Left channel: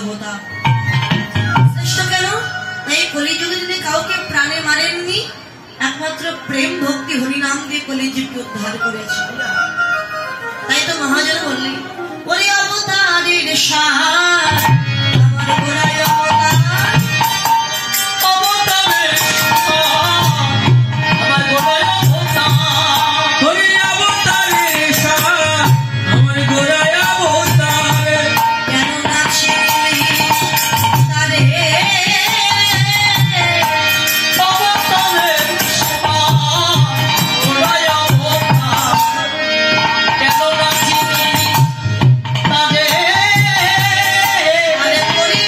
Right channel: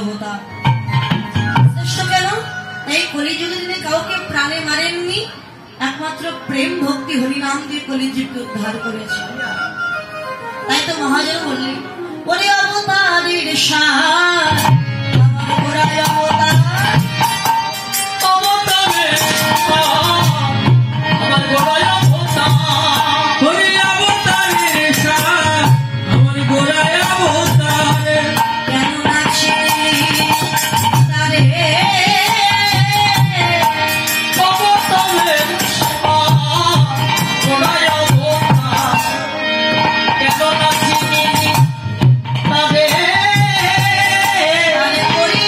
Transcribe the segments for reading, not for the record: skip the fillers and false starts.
অবতার। শ্রেষ্ঠ কেন? এই কলিযুগে যদি কাউকে প্রাণে মারেননি, একমাত্র প্রেম ভক্তি হরিনাম দিয়ে কলিযুগকে উদ্ধার করেছে। তাই তো মহাজন বললেন, ওরে অবতারের সার আমার গোড়ায় অবতার, অবতারের আমার গোড়ায় অবতার, হরি অবতারের সার আমার গোড়ায় অবতার, কেন নাচি তারে অবতারের সার গোড়ায় অবতার, কেন নাচি তারে আরে করি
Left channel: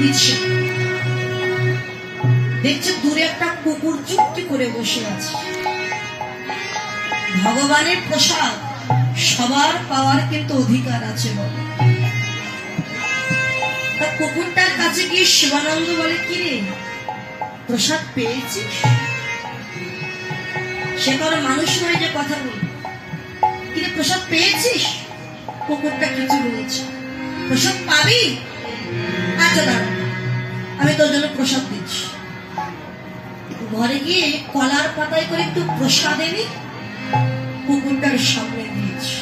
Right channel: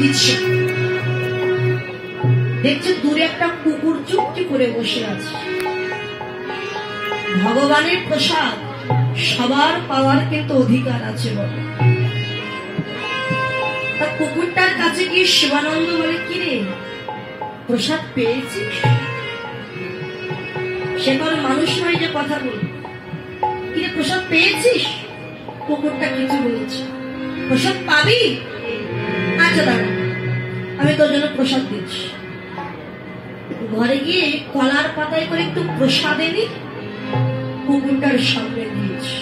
দিচ্ছে। দেখছে দূরে একটা কুকুর চুপটি করে বসে আছে। ভগবানের প্রসাদ সবার পাওয়ার কিন্তু অধিকার আছে বলে। কুকুরটার কাছে গিয়ে শিবানন্দ বলে, কি রে প্রসাদ পেয়েছিস? সে কোনো মানুষ নয় যে কথা বলে। কি রে প্রসাদ পেয়েছিস? কুকুরটা কিছু বলছে। প্রসাদ পাবি? আচ্ছা দাঁড়া, আমি তোর জন্য প্রসাদ দিচ্ছি। ঘরে গিয়ে কলার পাতায় করে একটু প্রসাদ এনে কুকুরটার সামনে দিয়েছি।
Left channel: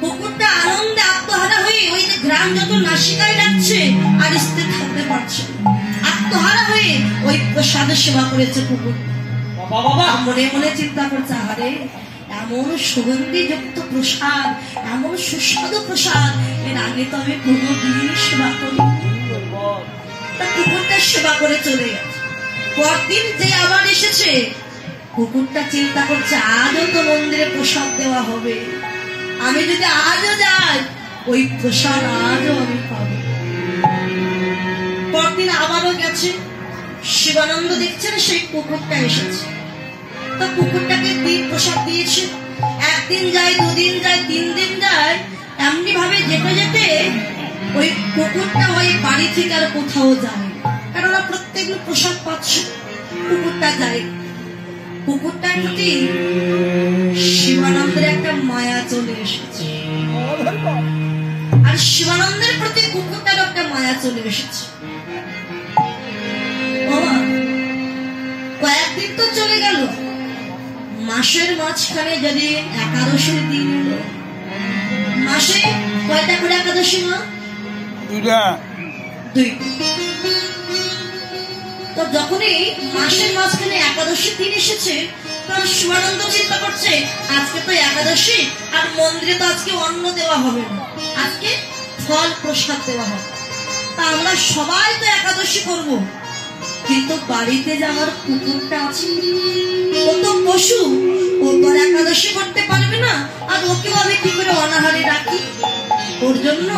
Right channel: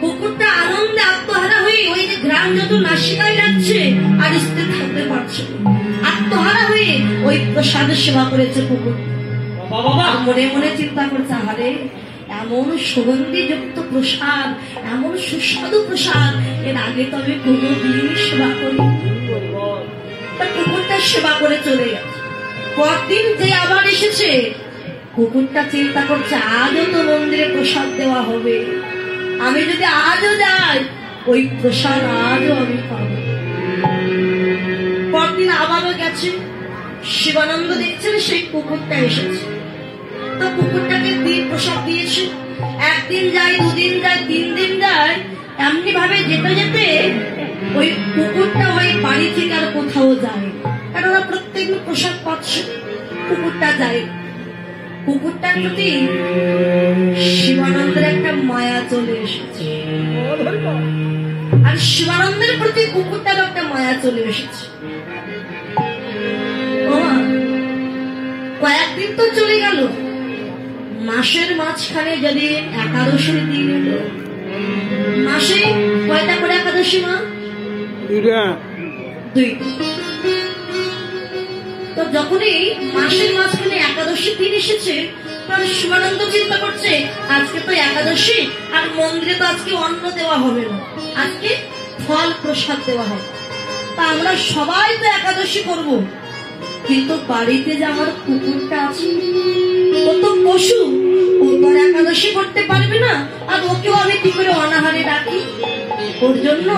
কুকুরটা আনন্দে আত্মহারা হয়ে ওই যে গ্রাম যত নাসিকায় লাগছে আর স্থির থাকতে পারছে, আত্মহারা হয়ে ওই প্রসাদের সেবা করেছে কুকুর। মনে মনে চিন্তা করছে, আরে এমন সুগন্ধিযুক্ত প্রসাদ, এমন সুস্বাদু প্রসাদ এর আগে তো আমি কোনোদিন সেবা করি। তা কুকুরটা সেবা করে চলে গেছে। পরদিন যে আবার এসেছে, কুকুরটা চিন্তা করছে আজও তো মন্দিরে প্রসাদ দেওয়া হবে, আমি যদি আজও যাই ওই প্রসাদ আজও আমি পাবো। পরদিন আবারও গেছে, শিবানন্দ দেখছেন সেই কুকুরটা এসেছে। তো কুকুরটাকে দিন প্রসাদ দিয়েছে। একদিন যায়, দুদিন যায়, 3 দিন যায়, এমনি ভাবে যেতে যেতে ওই কুকুরটা ওই বাড়ি থেকে আর কোথাও যায়, কারণ ওরা প্রত্যেকদিন প্রসাদ পাচ্ছে। কুকুরটা যায়, কুকুরটার প্রতি শিবানন্দের একটা মায়া চলে এসেছে, আর শিবানন্দের প্রতি কুকুরটার একটা মায়া চলে এসেছে। কয়েকদিন তো চলে গেল, মাসের মাঝখানে যদি একাদশীর দিন এলো, মাসে কয়টা করে একাদশী মা? 2টা। তো যখনই মাসের মাঝখানে একাদশীর দিন এসেছে, তখন শিবানন্দ চিন্তা করছে আজকে তো একাদশী, আর মন্দিরে তো আজকে অন্ন দেওয়া হবে না, আজকে ফল প্রসাদ দেওয়া হবে। তা আমরা সবাই তো একাদশী করব, কিন্তু বাড়িতে যে আমার কুকুরটা আছে ও তো পশু, ও তো আর একাদশী করতে পারবে না, আর ওকেও আমি কি করে অনাহারে রাখি? ওর জন্য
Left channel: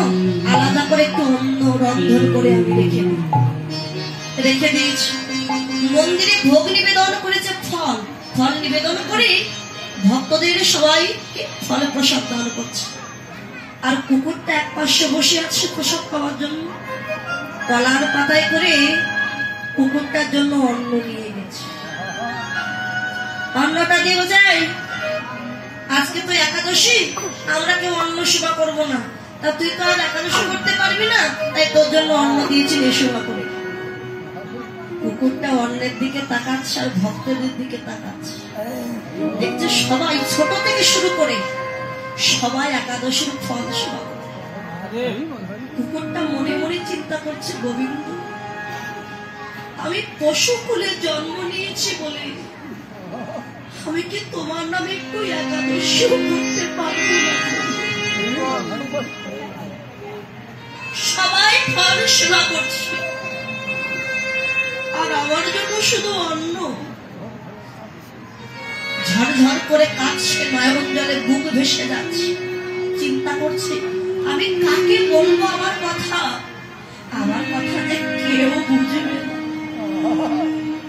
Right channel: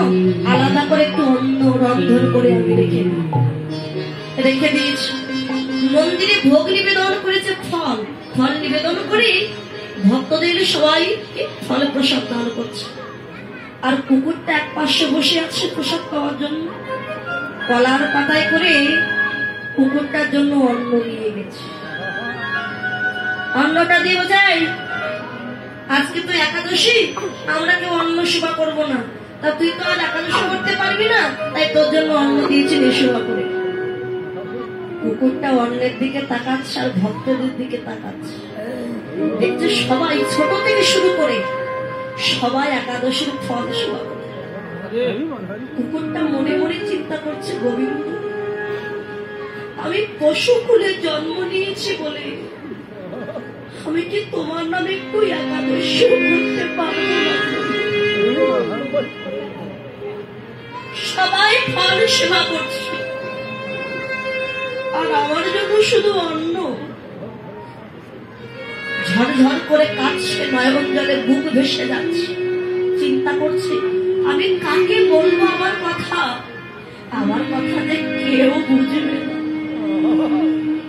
আলাদা করে একটু অন্ন রন্ধন করে আমি রেখে দিয়েছি। মন্দিরে ভোগ নিবেদন করেছে, ফল নিবেদন করে ভক্তদের সবাই ফল প্রসাদ দান করছে। আর কুকুরটা এক পাশে বসে আছে প্রসাদ পাওয়ার জন্য, কলার পাতায় করে কুকুরটার জন্য অন্ন নিয়ে গেছে। অন্নটা দিয়ে বোঝাই আজকে তো একাদশী, আমরা কেউ অন্ন সেবা করবো না, তা তুই তো আর একাদশী করতে পারবি না, তাই তোর জন্য অন্ন দিয়েছি, সেবা করে। কুকুরটা অন্নের দিকে তাকাচ্ছে আর ভক্তদের দিকে তাকাচ্ছে, দেখছে সবাই ছোট থেকে শুরু করে সবাই একাদশীর ফল সেবা করে। কুকুরটা মনে মনে চিন্তা করছে, গোবিন্দ আমি পশু কুলে জন্ম নিয়েছি বলে আমি কি তোমার নামে একটু একাদশী করতে পারবো না? সবাই ফল সেবা করছে আর আমার জন্য শুধু অন্ন। ঝরঝর করে কাঁদছে, নয়ন জলে বুক ভেসে যাচ্ছে, চিন্তা করছে আমি কাকে বলবো আমার কথা যে কেউ বুঝবে না।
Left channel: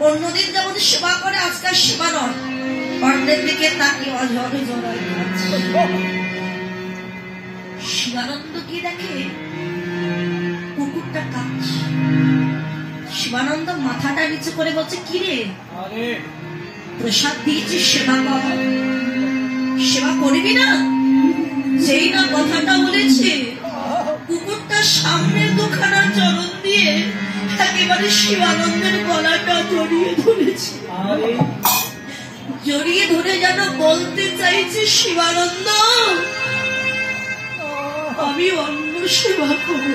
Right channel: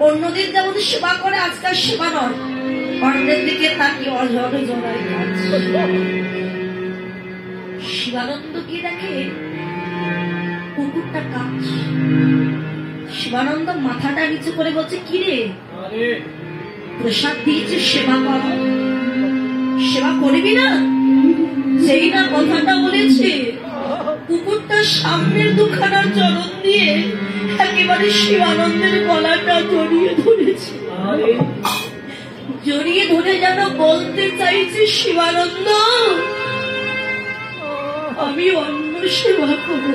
অন্যদিন যেমন সেবা করে আজকাল সেবা নয়, অন্যের দিকে তাকিয়ে অঝরে জড়াই যাচ্ছে। শিবানন্দ কি দেখে কুকুরটা কাঁদছে। শিবানন্দ মাথাটা নিচু করে বলছে, কি রে প্রসাদ দিয়েছি, সেবা করবি না? সেই না কথাটা বলেছে, কুকুরটার সামনের দুখানা চরণ দিয়ে একেবারে শিবানন্দের গলাটা জড়িয়ে ধরেছে। জড়িয়ে ধরে যেন বলতে চাইছে, শিবানন্দ আমি অন্য সেবা করব,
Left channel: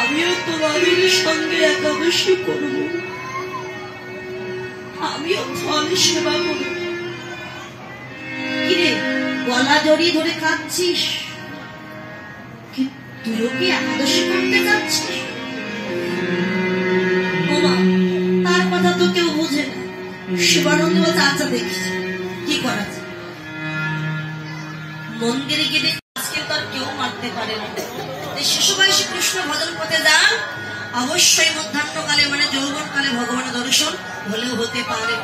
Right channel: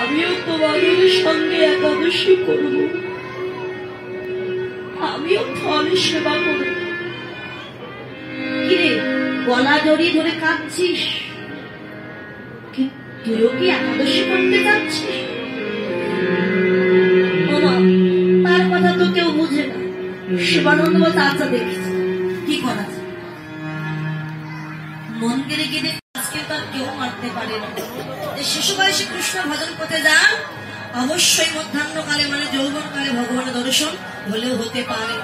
আমিও তোমাদের সঙ্গে একাদশী করব, আমিও ফল সেবা করব। কিরে গলা জড়িয়ে ধরে কাঁদছিস, তুইও কি একাদশী করতে যাচ্ছিস? তার কথা তো কেউ বুঝে না। শিবানন্দ বলছে, আচ্ছা দেখি কি করা যায়। মন্দিরে গিয়ে আজকে তো আর কেউ মারতে পারে না, শিশু বয়সী কৃষ্ণ ভজন পথে যান, অবশ্যই মধ্যাহ্নকালে মানে যৌবনকালে ভগবানের দর্শন হলেও হতে পারে।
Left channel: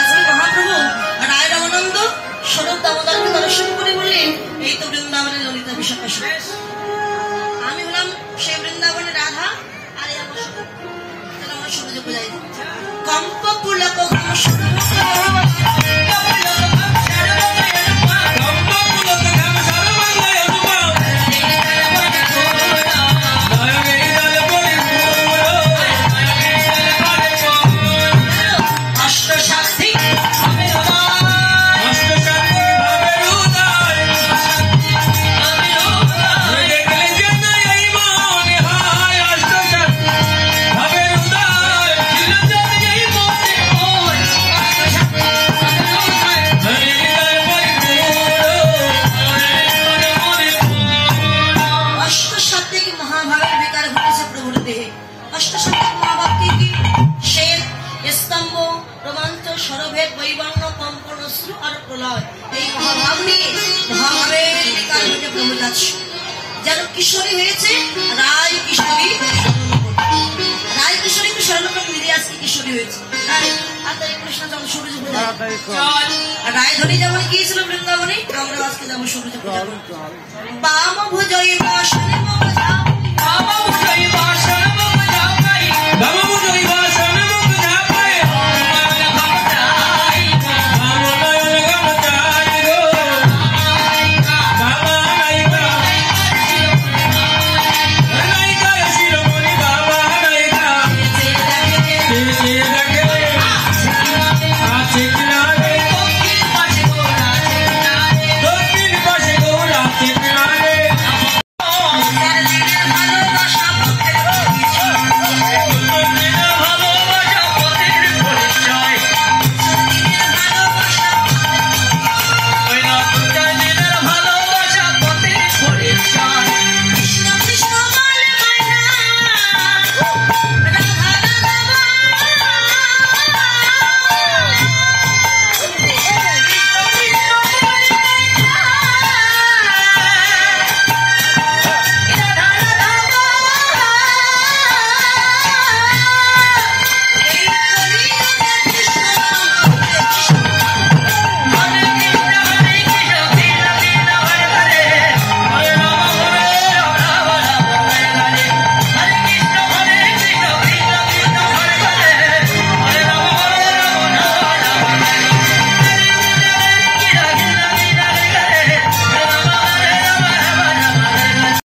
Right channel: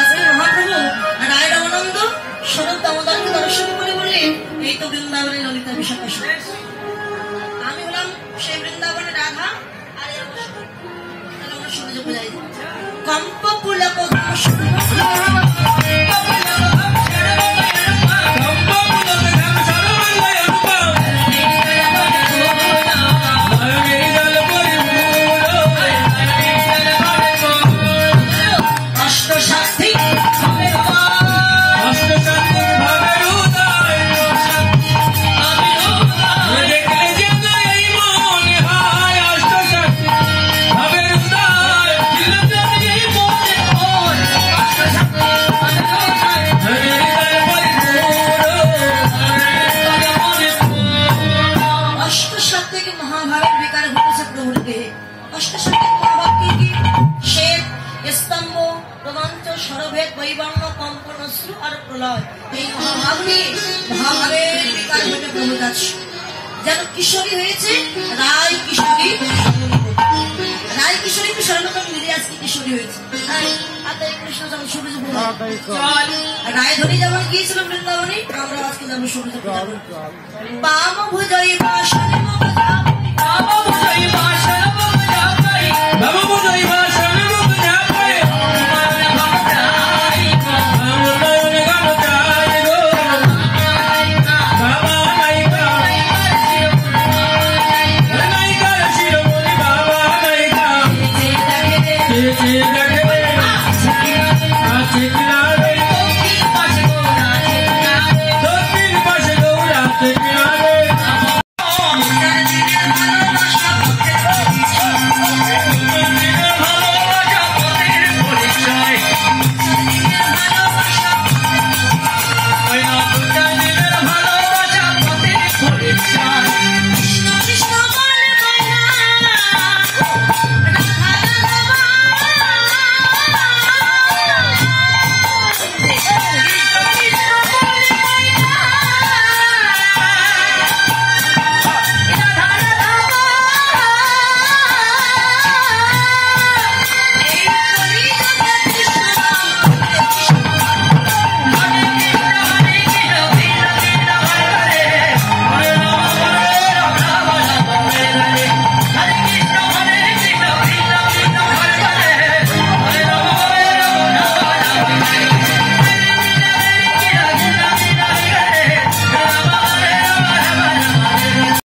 আজকে মহাপ্রভু রায় রামানন্দ স্বরূপ দামোদরকে দর্শন করে বললেন, এই তো বৃন্দাবনের ললিতা বিশাখা। আমি হলাম সেই বৃন্দাবনের রাধা, আর আমার সহজে বোঝাই কম্প পুলক এই মহাভাগ্নে মহাভাবের বিকার ঘটে ব্রহ্মচার্য যেন কিশোরী হয়েছে রায় কিশোরী রায় কিশোরী স্বর্ণকর মিলে আজকে কিশোরী হয়েছে। কৃষ্ণ যেমন সূর্য চল রায়ধনী যেমন গিয়েছিল বৃন্দাবনে, আমরা আজকে যাবো সূর্য পাম ভুজয় বাসনে